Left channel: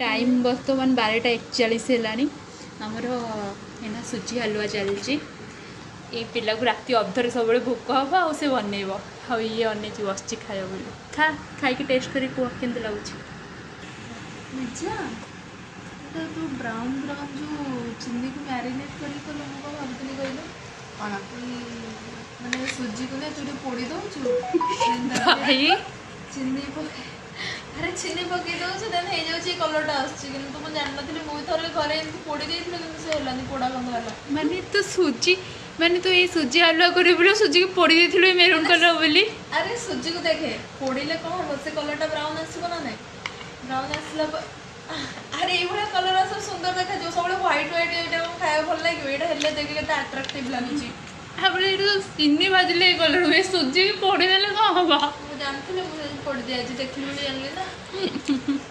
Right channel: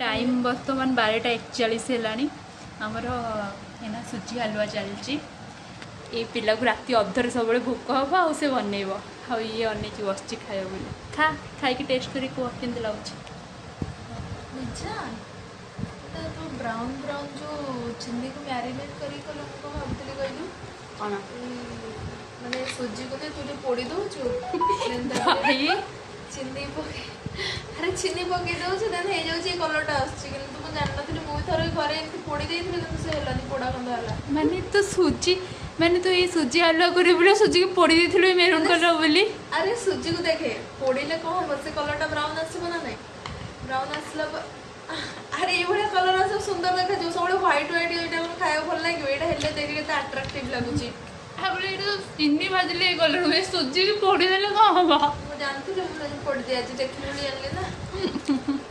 time बर्तमान 12:41 है आमर है सुजी हलुआ चलती ये पिला को राति अधर सब भोक हम आ से बनइब आ ये अनेक बस खाए बोली खा खाई टेस्ट करी कह के लगुच ब्राउन ब्राउन जो चिल्ली को मैरिनेट करी कल मुझे भावुली कहलु कौन माने सुजी को ना तू पोड़ी दौचु चिनी अरे चिनी पकई दौचु देन हो जाऊँ कलरटा आसुच्छी किंतु मुझे जान नी मुझे थोड़े घरे पोड़ी देती से है पोड़ा खंड है माने तो सुजी माने तो ये सुजी हलुआ करी बोले सुजी को पोड़ी देथिलु मेरून कलर बोली अरे सुजी को देखे पोड़ीले कौन हम से कलरटा ब्राउन आसो ना नहीं ब्राउन आसला अरे ये कलर सब सुंदर देखा जो सब व्हाइट व्हाइट ये खाया भल लगे ये हेल्ले देखे केते अट्रैक्टिव लगुच तापर ये चिनी भाजिले कलर हुए सुजी की पोड़ी देले कौन हम जानती पोड़ी दिया देखी जानली ना